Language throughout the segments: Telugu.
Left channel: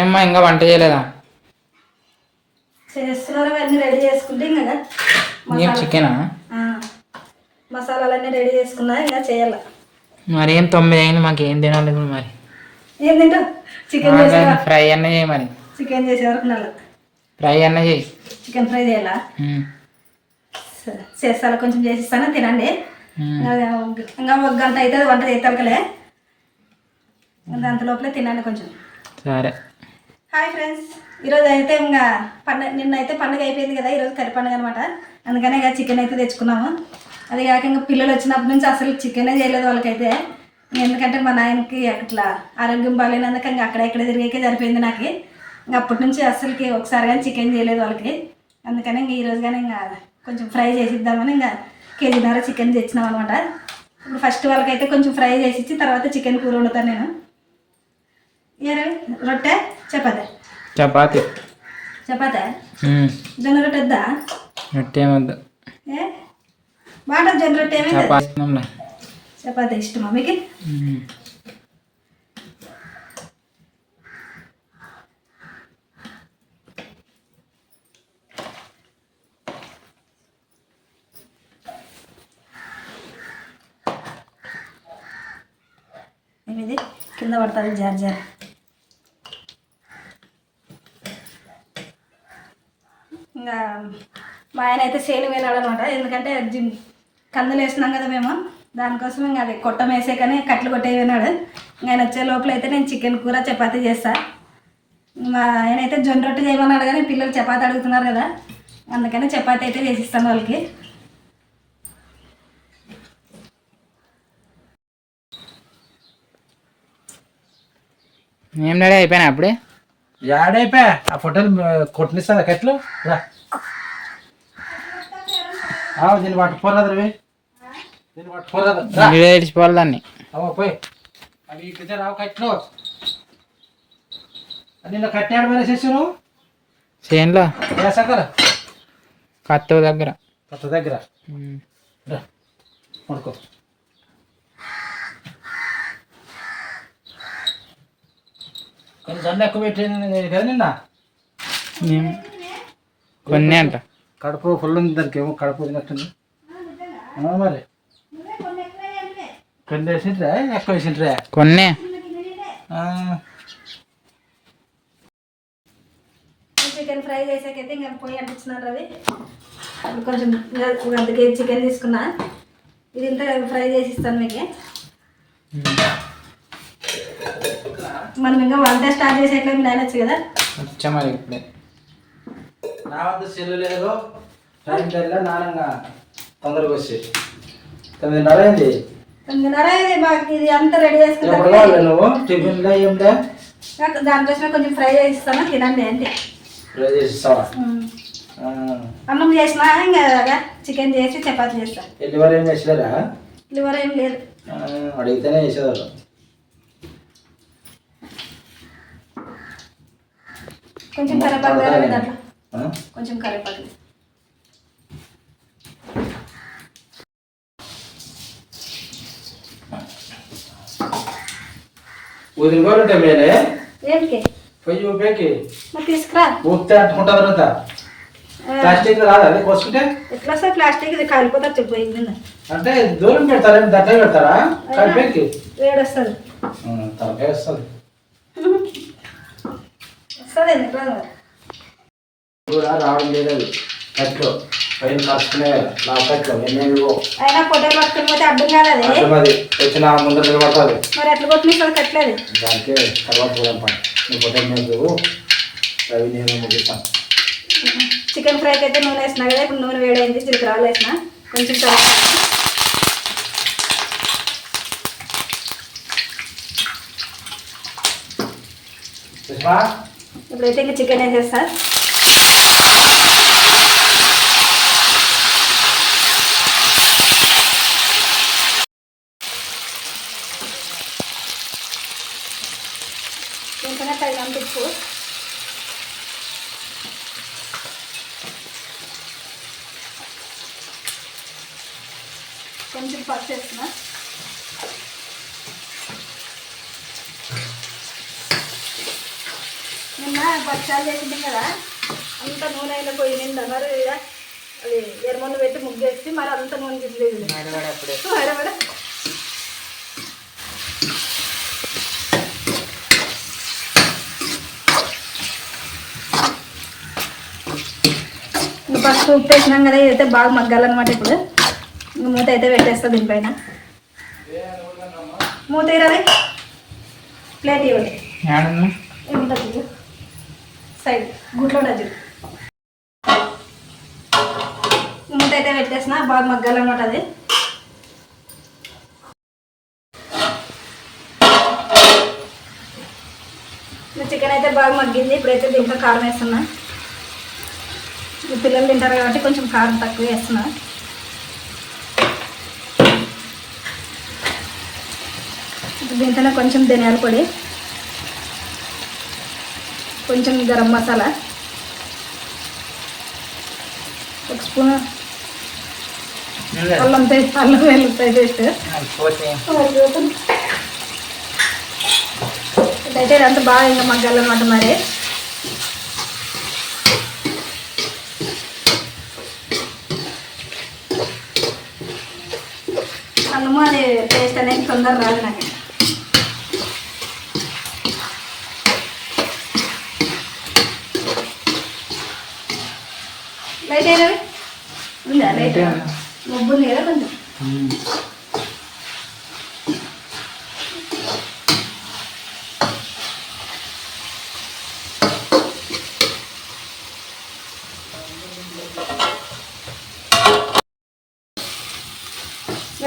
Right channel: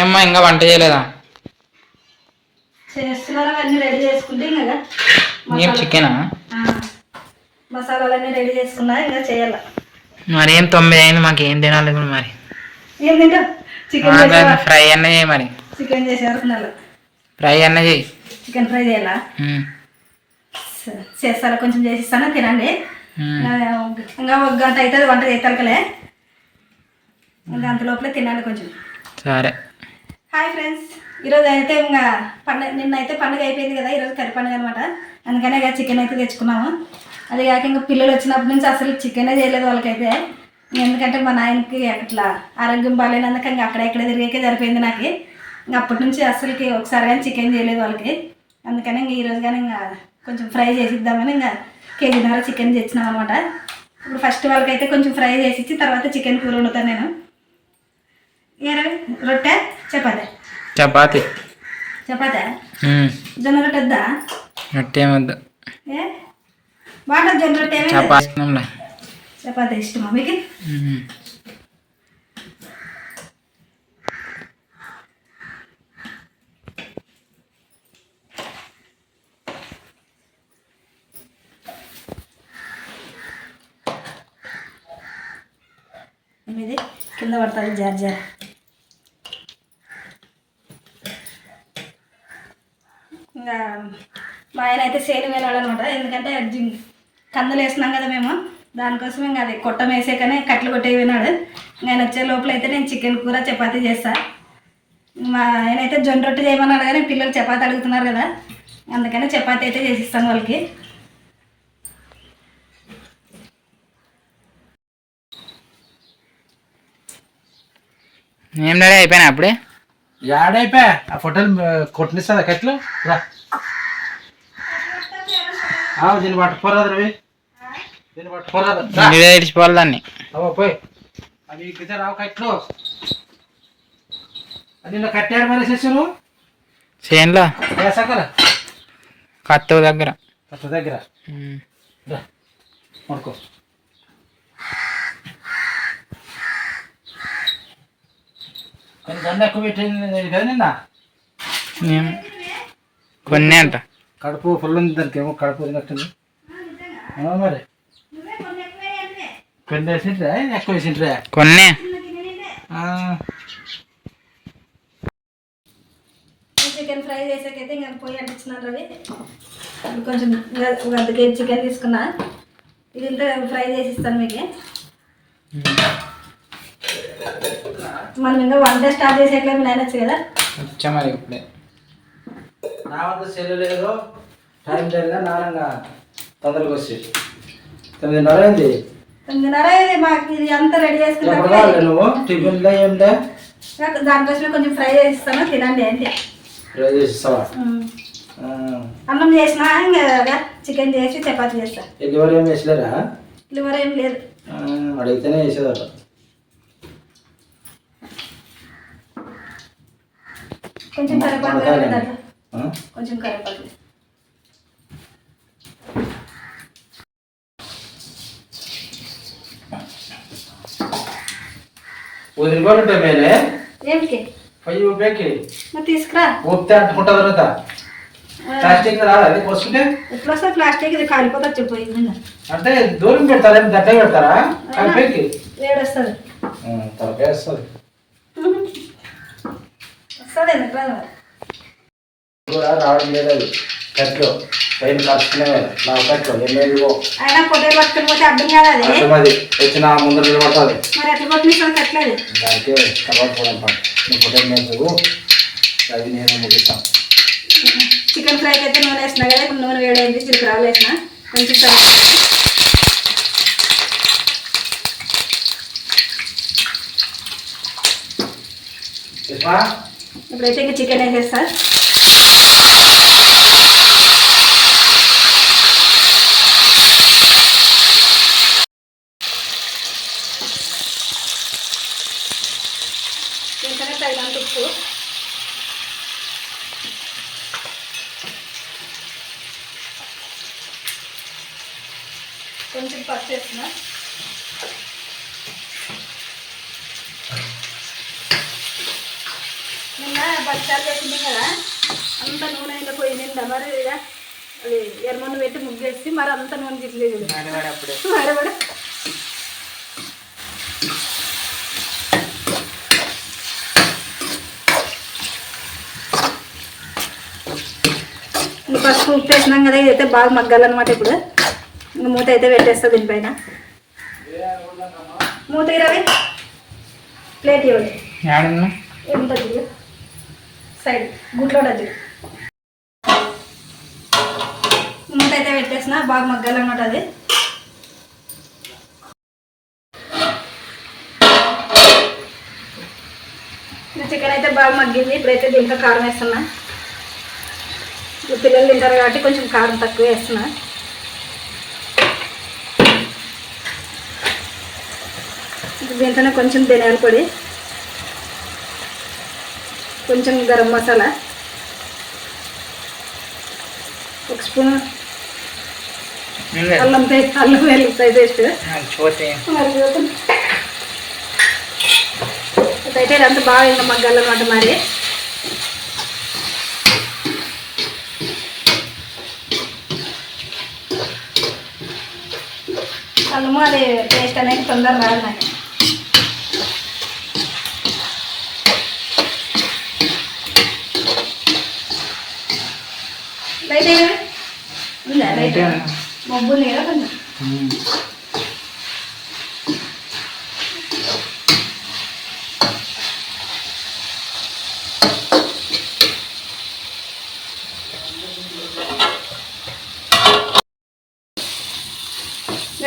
ఏమ్మా ఇంకా వంట చేయలేదా? చేస్తున్నాను, అన్నీ రెడీ చేసుకుంటే ఇంకా ఏం చికెనా? మసాలాలన్నీ రెడీ చేసుకున్నా, ఇంకా చేయాల. మరి ఏం 9 అయింది, మాకు ఏం తినాలి మరి? ఏం తింటా? చికెన్ ఫ్రై అన్న చేయి మరి. చికెన్ చేసేవారు ఫ్రై అన్న చేయి. చికెన్ ఫ్రై చేయాలా? చేస్తారా? కొంచెం చేసిస్తాను, తినండి. ఇంకా 1 గంట అవుతుంది వంట చేస్తాకలే, అంత లోపలే తినండి కొంచెం. సరే. హాయ్ ఫ్రెండ్స్, ఈరోజు అయితే ఇంకా నిన్నైతే పండుగ అయిపోయింది కదా, ఈరోజు కర్రీ పండుగ అనమాట. అందుకనే ఇక చికెన్ అయితే తెచ్చుకున్నాము. అది కాక ఇంకా పిల్లలు వచ్చినప్పటి నుంచి అసలు చికెనే చేయలేదు వాళ్ళకైతే. ఎందుకంటే మా నాయనకి అట్లా ఆరోగ్యం బాగాలేనందుకు ఇంకా అక్కడ ఇక్కడ తిరిగాకే సరిపోయింది నాకు. ఇంకా అప్పటి నుంచి అసలుకి ఒకసారి కానీ చికెన్ చేయలేదు వాళ్ళకి. అందుకని ఇంక ఈరోజు కానీ ఇంకా కొంచెం ఫ్రై చేసిద్దామని ఇంకా 1.5 కేజీ చికెన్ తెచ్చినాం అనమాట. ఇప్పుడు ఫస్ట్ వాళ్ళకైతే కొంచెం ఫ్రై చేసి ఇచ్చి తర్వాత చికెన్ కూర వండుతాను నేను. ఏరవి రొట్టె చపాతి? చపాతి. జొన్న రొట్టె వద్దా? రొట్టె వద్దు. ఏ బాగుంటుంది జొన్న రొట్టె? చపాతి ఇష్టమా మీకు? ఇది కింద పడుతుంది జార్ జార్. ఇంకా మా ఆయన అయితే సేను వేలాడు అనమాట. ఎందుకంటే కందులు వేసినాం కదా మేము, దానికోసం ఇంకా అది కొట్టం వేసాకనే కట్లు కొట్టే విన్నాడు. ఆయన వచ్చే లోపల అయితే నేను చికెన్ కూర చపాతీ చేస్తాను. మా ఆయన అయితే జొన్న రొట్టె చేయమన్నాడు, కానీ పిల్లలు చపాతీ అడుగుతున్నారు కదా, అందుకని చపాతీ అయితే చేసిస్తాను వాళ్ళకి. ఏం రెడీ అయిపోయినా అప్పుడే? యాడైపోయా ఆ ఫోటోలు కొట్టినిస్తా కట్లు రా. దీన్ని పట్టుకోరాదు రవి, దీన్ని పట్టుకోరాదు, ఇడిచిపోవాలి దాన్ని. పోయి అవి ఇక్కడితే రావు కట్లు. నిన్న కట్టాడు మరి చేసాను చేనులో సగర కత్త దగ్గర పడుకో. కానీ దండ ఎక్కువ పెట్టింది కదా నిన్న. కొన్ని అంట కడుపు ఫుల్ ఉంది దానికి, ఏమో కడుపు తినట్టుంది మరి. కొన్ని వేసింట్రా ఎక్కువ వేసింట్రా? కొన్ని. చికెన్ ఫ్రై చేసాకైతే ఇంకా పొయ్యి అంటించినారు రవి. కొంచెం 1 కేజీ చికెన్ తీసుకున్నా, ఇది ఇంత ఫ్రై చేసి ఇస్తాను మీకు. మనం ఇంకా వంట స్టార్ట్ చేసేట్లేదు, నేనొచ్చు కదా వచ్చా మరి. ఇప్పుడే నా వద్ద సెలవు లేదు, టైం టైంలో నానంగా తొందరగా వచ్చి 9:30 అయింది. 9:30 అయింది మాకు. ఇది అంతా రెడీ చేసుకుంటాను. నువ్వు టిఫిన్లో ఏమిటా? దానికోసమే కొంచెం ఫ్రై చేసిస్తాను, తినండి అంటే. ఫ్రై చేసిస్తావా? అన్నం చేసినా ఇంకా చికెన్ చేసి చపాతీ చేస్తా. లివర్ ఏం వేసలేరా? లివర్ ఏం లేదు, అడిగితేనే వేసేవారు. కొంచెం కరివేపాకు దాంట్లో, కొంచెం కరివేపాకు. వదిలిపోతుంటే మేలే. ఏమికి? పొయ్యి ఊపేకి మరి తీసుకురా. ఊపితే అంటుకుంటా తర్వాత ప్లాస్టిక్ రాదా అది పోసుకుంటే? ఎట్లా వస్తుంది ప్లాస్టిక్? ఇది కాలిపోతా చెప్పిపోయింది అంటే దూరం పెడతారా, దట్టే పెడతారా? కలిపేకి వేడి వస్తుంది, తలకాయ వస్తుంది. వస్తుంది ఎట్లా రావడం లేదు. అది కట్లు పైన కాసుకునే కట్లు ఎన్నేవివో అయినా పొట్టే పట్టుకుని అర్థం కాదు. అది వచ్చిన ముందు నిలబడుతుంది. మరి ఎట్లా కొట్టిన కట్టలేదు దానికే తర్వాత కూడా నువ్వు పొట్టే మేము అవి నేను ముగిస్తాను. చికెన్ ఫ్రైకి అయితే నూనె వేసినా కదా, ఇప్పుడు నూనె వేడైంది, జీలకర్రలు వేసిన కొంచెం ఇప్పుడైతే ఇంకా చికెన్ వేసేస్తా. వెంటనే తగినంత ఉప్పు, కొంచెం పసుపు వేస్తున్నా, బచ్చాలు వేసుకుంటాం కదా, అంత నూనె ఇలా పొయ్యి నిండా మరి ఇక అది ఎర్రమూనె పెట్టి ముగ్గేసి మరి అంత నూనె తిట్టలేదు అప్పుడే మరి పసుపు ఉప్పు వేసినాం కదా, ఇదైతే బాగా మగ్గాలన్నమాట. ఇప్పుడు మూత అయితే పెట్టేస్తా దీనిపైన. మూత ఇరవై ప్లేట్ ఇవ్వండి, డజ్జీలు సైడ్ గుట్లో డజ్జీలు. మూత అయితే పెట్టేసిన బాగా మగ్గాలన్నమాట. అది చికెన్ అయితే బాగా మగ్గింది. ఇప్పుడైతే దీంట్లో కారం వేస్తున్నా. పిల్లలు తింటారు కాబట్టి కొంచెం కారం తక్కువ వేస్తున్నా. దీంట్లోనే కొంచెం ధనియాల పొడి, కొంచెం గరం మసాలా, ఒక స్పూన్ అల్లం వెల్లుల్లిపాయ పేస్ట్. అయితే ఇదంతా బాగా ఇంకా మగ్గాలన్నమాట. మరి అల్లము అది టేస్ట్ అనేది తొందర రాదు నాకు. లైట్ అయినా ఉందా? లైట్ మబ్బు ఉంది కదా కొంచెం.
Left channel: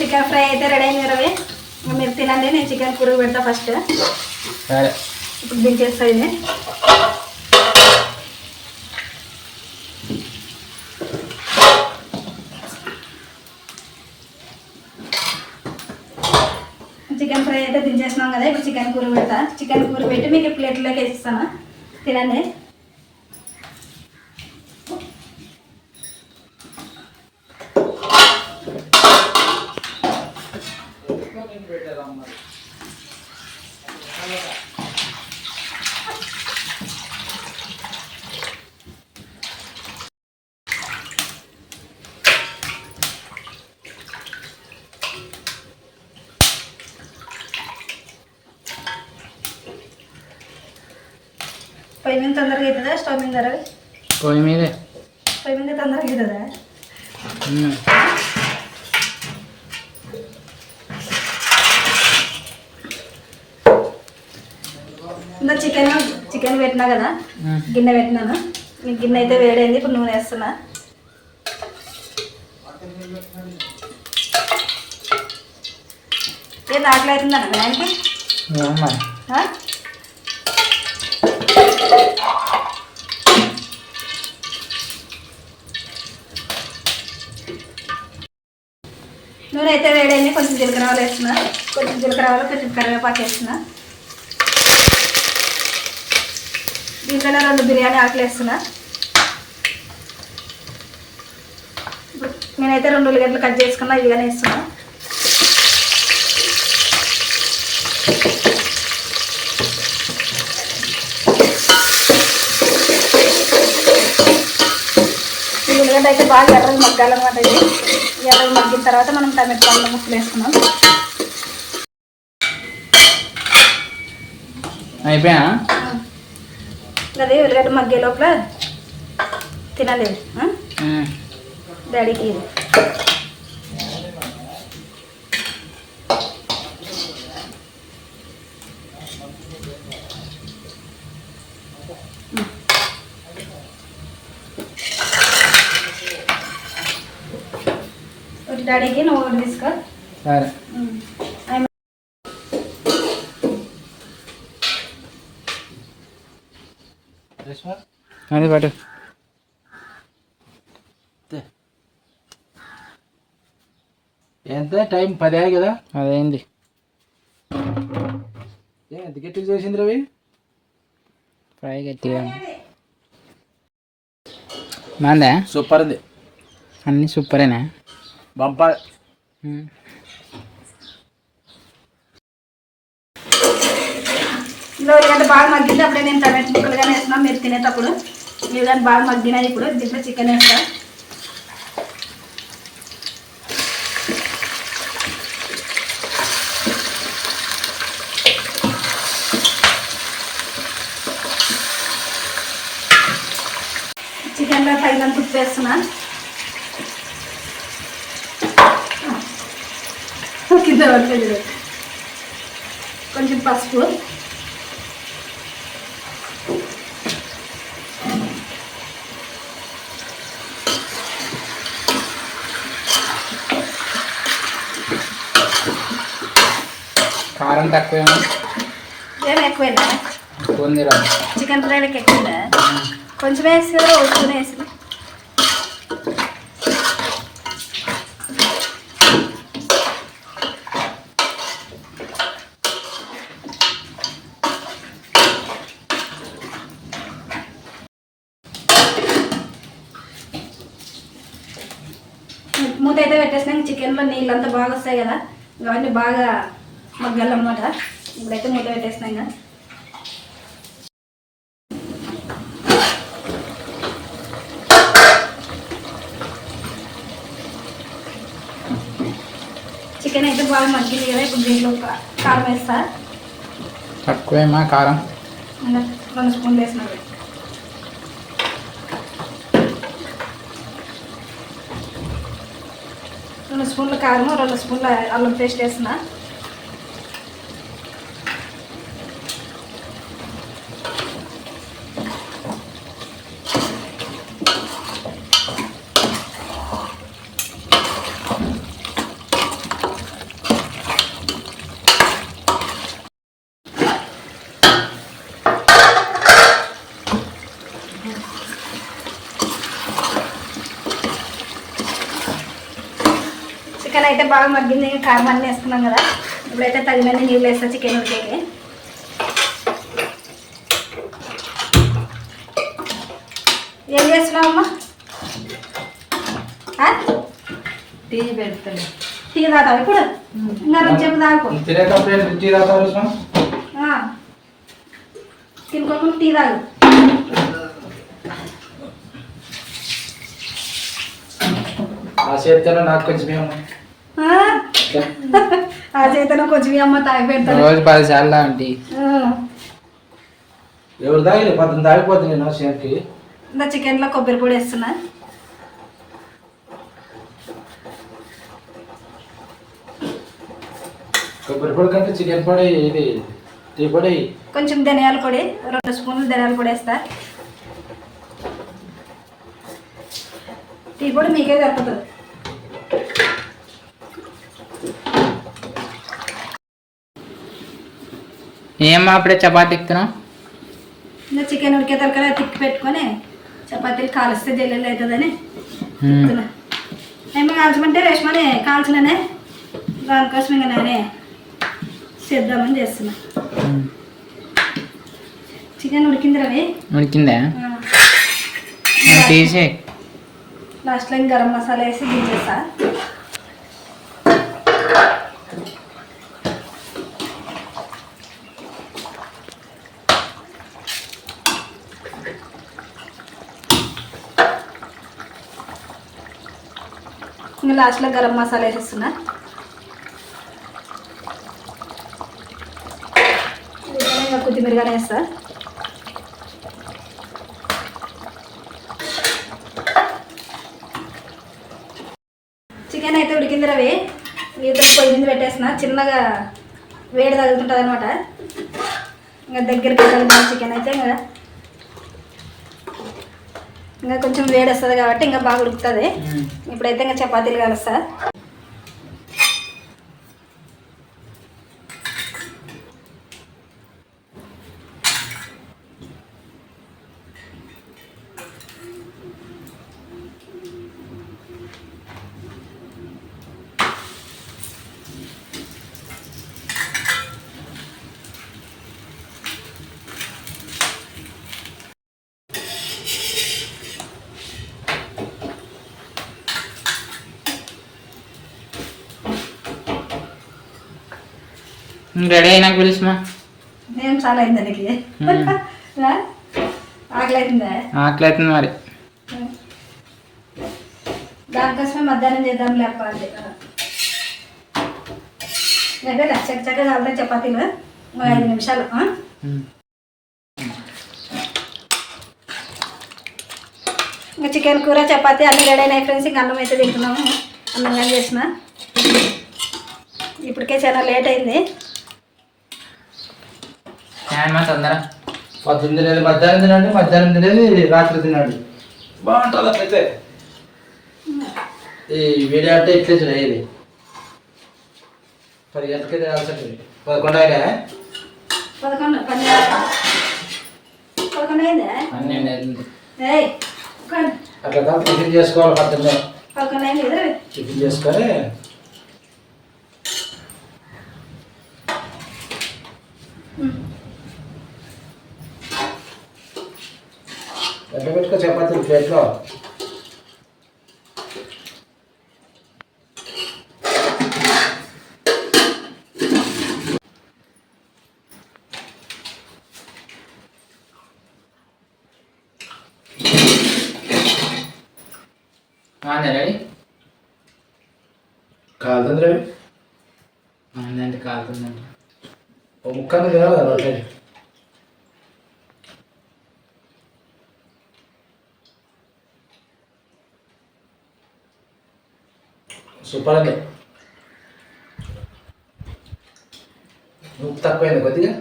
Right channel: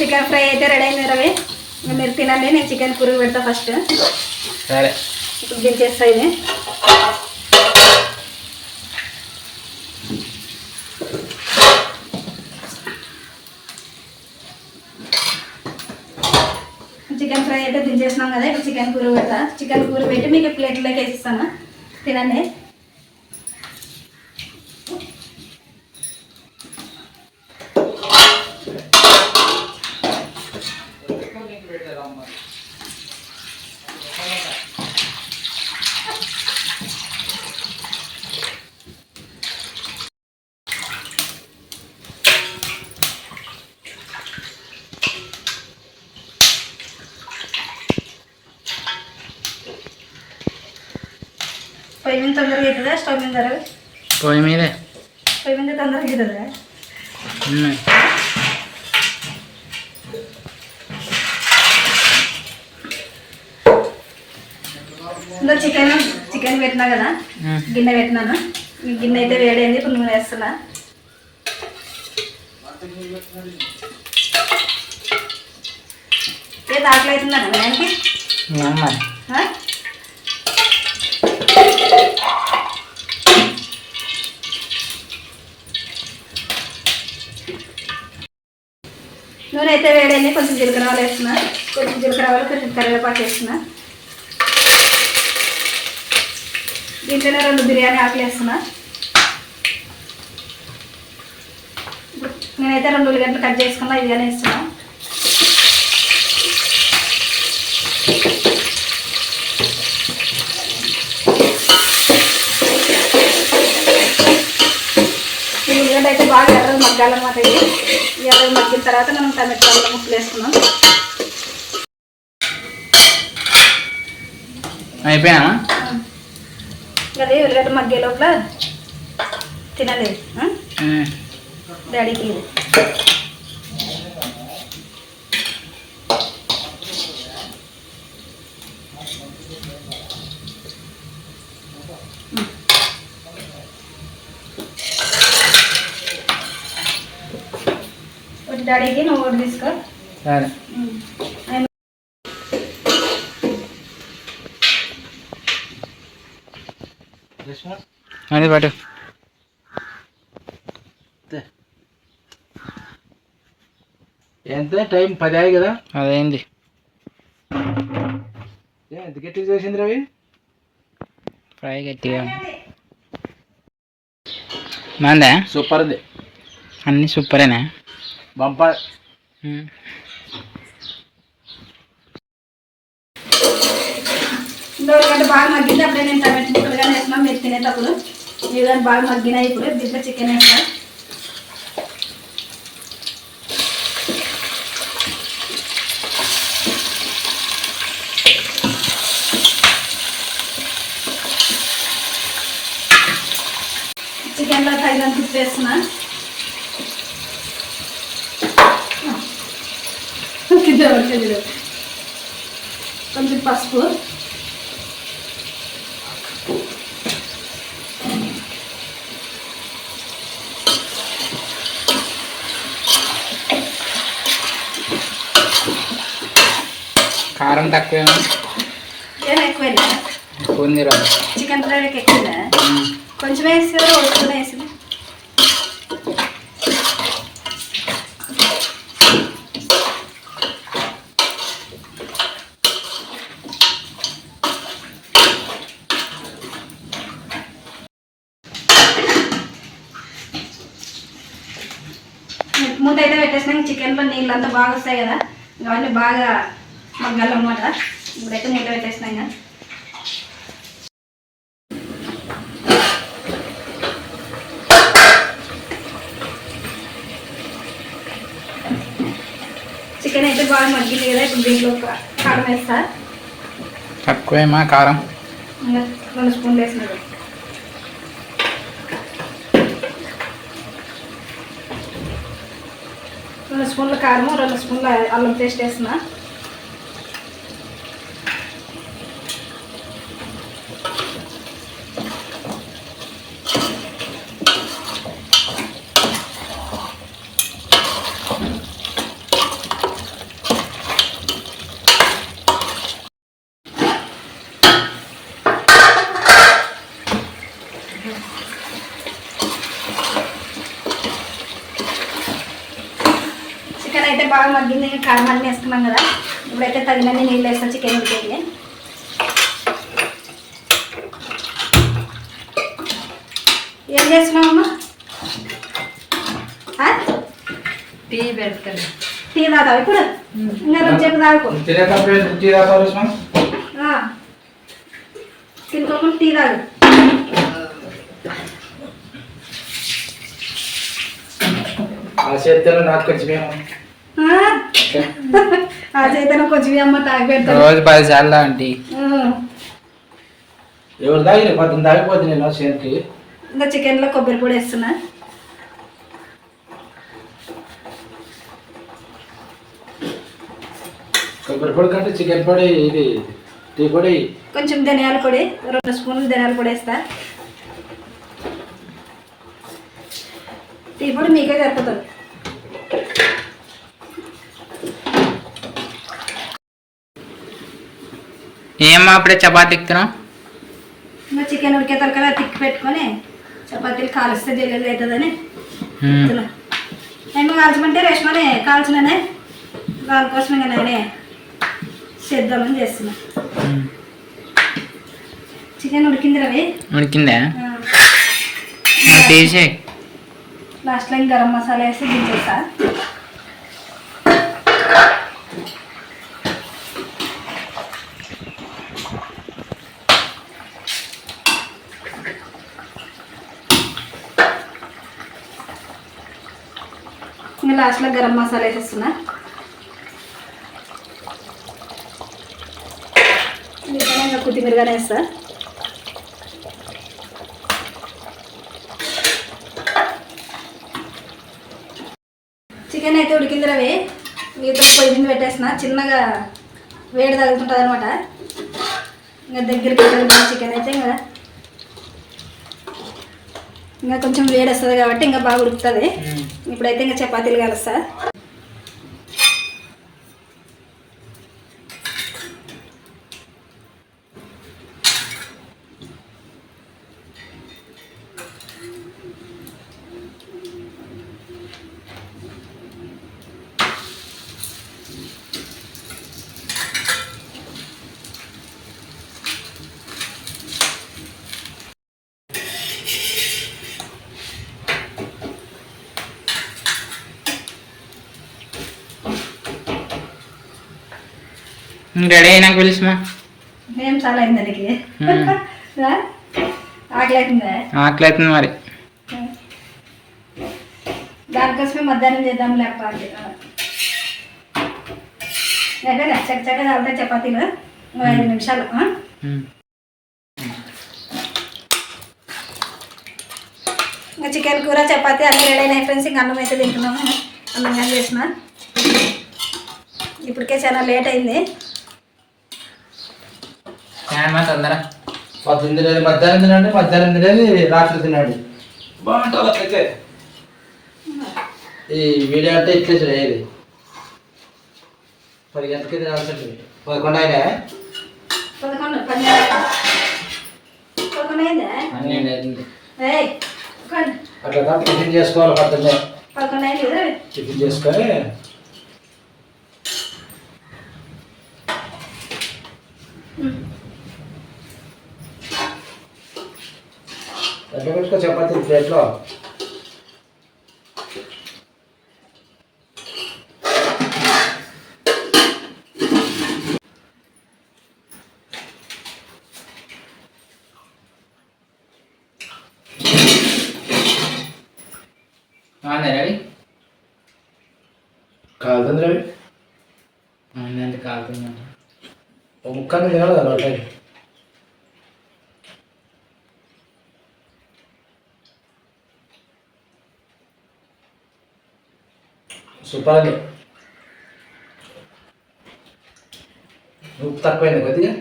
చికెన్ ఫ్రై అయితే రెడీ అయింది. రవి మీరు తినండి, నేను చికెన్ పురుగు పెడతా ఫస్ట్. సరే ఇప్పుడు దించేస్తా. ఇది చికెన్ ఫ్రై అయితే దించేసినాం కదా. ఇప్పుడు చికెన్ కూర పెడతా. చికెన్ కూర పెట్టి మీకు ప్లేట్లోకి వేసిస్తాను, తినండి. పొయ్యి మీద తొందరగా అవుతుందా? స్టవ్ మీద పొయ్యి మీదే. పొయ్యి మీద తొందరగా అవుతుందా? ఇంకా చికెన్ పెట్టినా కదా, గిన్నె పెట్టినాను. ఈ గిన్నె అయితే వేడైంది. ఇప్పుడు నూనె వేస్తున్నా. ఏ ఆకలి అవుతుందా ఆయనకి? నూనె అయితే వేడైంది. కొంచెం జీలకర్ర ఆవాలు వేస్తున్నా. కొంచెం జీలకర్ర ఆవాలు, కొంచెం కరివేపాకు వేస్తున్నా. దీంట్లోనే 2 బిర్యానీ ఆకులు వేస్తున్నా. నేనైతే 2 ఉల్లిగడ్డలు కట్ చేసుకున్నా, ఇదిగానే వేస్తున్నా. ఈ ఉల్లిగడ్డ అయితే బాగా ఎర్రగా మగ్గాలన్నమాట. ఇది ఎర్రగా మగ్గిన తర్వాత మనం టమాటా ముక్కలు వేసుకున్నాం. అయిపోయా అది ఉల్లిగడ్డ మగ్గే లోపల తినలేదు డాడీకి. ఒకటి డాడీకి, నువ్వు ఒకటి తీసుకో. సరే అది పట్టు. ఎంత టైం 10 అయ్యాయి కదా? అదేంది ఎంత గట్టి చేసింది రవి? ఫ్రై గట్టిగా మందా? సూపర్ ఉంది. అన్నీ సూపరేనా? బంపర్. ఉల్లిగడ్డ బాగా మగ్గింది. అప్పుడే నేను టమాటో ముక్కలు కానీ వేస్తున్నాను మీరు తినేటప్పుడు. ఇవి కానీ బాగా మగ్గినాయి. ఇప్పుడు దీంట్లో చికెన్ వేస్తాను. చికెన్లో తగినంత ఉప్పు వేస్తున్నా. కింద పడుతుంది. కొంచెం పసుపు, కారం తక్కువేమో, ఏం ఎక్కువ ఉంది రా. చికెన్ ఫ్రైకి ఎక్కువ కొంచెం వేసి కదా కొంచెం వేసి. మూత అయితే పెట్టేసినాక చికెన్లో నీళ్ళు అంతా బాగా వస్తాయి కదా, ఇవన్నీ బాగా మగ్గాలన్నమాట. ఇప్పుడైతే మూత పెట్టేసినాం కదా. చికెన్ అయితే బాగా మగ్గింది కదా. ఇప్పుడు దీంట్లో కారం వేస్తా. తక్కువేమా కారం? 2 స్పూన్లు వేసినారు. రెండు స్పూన్ల కారం, 2 స్పూన్ల అల్లం పేస్ట్ వేస్తున్నా. చికెన్ అయితే బాగా మగ్గింది. కారం అన్నీ వేసుకున్నాం కదా. ఇప్పుడైతే తగినన్ని నీళ్ళు వేస్తా చికెన్ ఉడికేది. ఏం చేస్తున్నావమ్మా? టీ పెడతాను. టీ తాగుతావు ఇప్పుడు? ఇంకా రుచి చెప్పు తాగుకో. తినుకోకుండా టీ తాగు. ఆ చేతిలో నాకు కొంచెం ఆ చేతను కొంచెం అమ్మ తాగి పెడతాను. రోజు 10 సార్లు ఆంటీ. ఎవరు తాగిన 10 తాగిపోతే నేను చేతికి. ఇంకా చికెన్లో కొబ్బరి పొడి వేస్తున్నా. కొబ్బరి పొడి కంటే చికెన్ పొడి, ఇది టీ పొడి, కొంచెం ధనియాల పొడి, 2 స్పూన్లు ధనియాల పొడి వేస్తా. టీ పొడి మీకే సరిపోతుంది. ఏమో అప్పుడే చపాతీ ఎక్కుతున్నావు? ఇంకా చికెన్ ఉడికే తరకలా తిక్కి పెట్టుకొని చపాతీలు కాలుస్తే జల్లెలు అవుతుందని. ఏమో కాల్చమంటే రేషమని కాల్చిననే, దానికోసం ఇంకా నేనే చేద్దామని చేస్తున్నా. చికెన్ ఉడికింది రవి. ఉడికిందా? తీసే లాస్ట్లో ఇంకా గరం మసాలా వేసి దించేస్తా. ఇంకా లాస్ట్లో గరం మసాలా వేసేస్తున్నా. కొత్తిమీరగానే వేస్తా. చికెన్ అయితే ఉడికింది రవి. వీటితో పొయ్యి మీద పెట్టేసిన. చిన్నగా వేడి తగులుతుంటుంది అనమాట. ఇంకా దగ్గరికి తగులుతుంది చికెన్ అయితే. ఇంకా కొంచెం వేడి వస్తుంది కాబట్టి ఇంకా బాగా ఉడుకుతుంది. ఇప్పుడైతే ఇంకా చపాతీలు కలుస్తా. రెడీ అయినాక పిలుచుమా. నేను నిమిషాలు అయింది దానికి ఆకలి అవుతుందా ఆకలి అవుతుంది మరి. దానికోసమే మధ్యాహ్నం చేద్దాం లేప అంటే చక్కగా కాలుతాయి చపాతీలు 5 నిమిషాలు. ఇంకా చికెన్ కూర చపాతీ అన్నీ రెడీ అయినాయి ఫ్రెండ్స్. ఇంకా అన్నం అయితే తింటున్నాము. అన్నం కానీ చేసిన ఇప్పటికే చాలా లేట్ అయింది. మా తొందర పొద్దున్న తినేది మధ్యాహ్నం తినండి, మధ్యాహ్నం తినేది రాత్రి తినండి. బాగుంటుంది అట్లయితే. ఈ వీడియో అంటే ఇట్లే తినేది 10 గంటలకి తినాల్సింది. 11 అయినా 11 అయిందా? అట్లా టిఫిన్ చేసుకోవాలి. పొద్దున్నే 11 అయింది కదా. టిఫిన్ చేసుకొని ఎట్లా పెట్టుకో చపాతీ ప్లేట్లో. రెడీ కాదండి రవి, అంటే కాలుతుందండి. ఒక ముక్కని తినాలి కదా అంటే. సూపర్ అండి. ఉప్పు తక్కువైంది కొద్దిగా.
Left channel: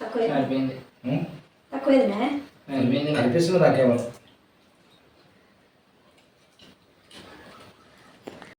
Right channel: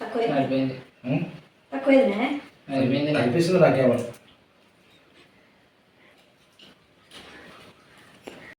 తక్కువైంది సరిపోయింది. తక్కువైందా? సరిపోయింది. అనిపిస్తుంది నాకేమో.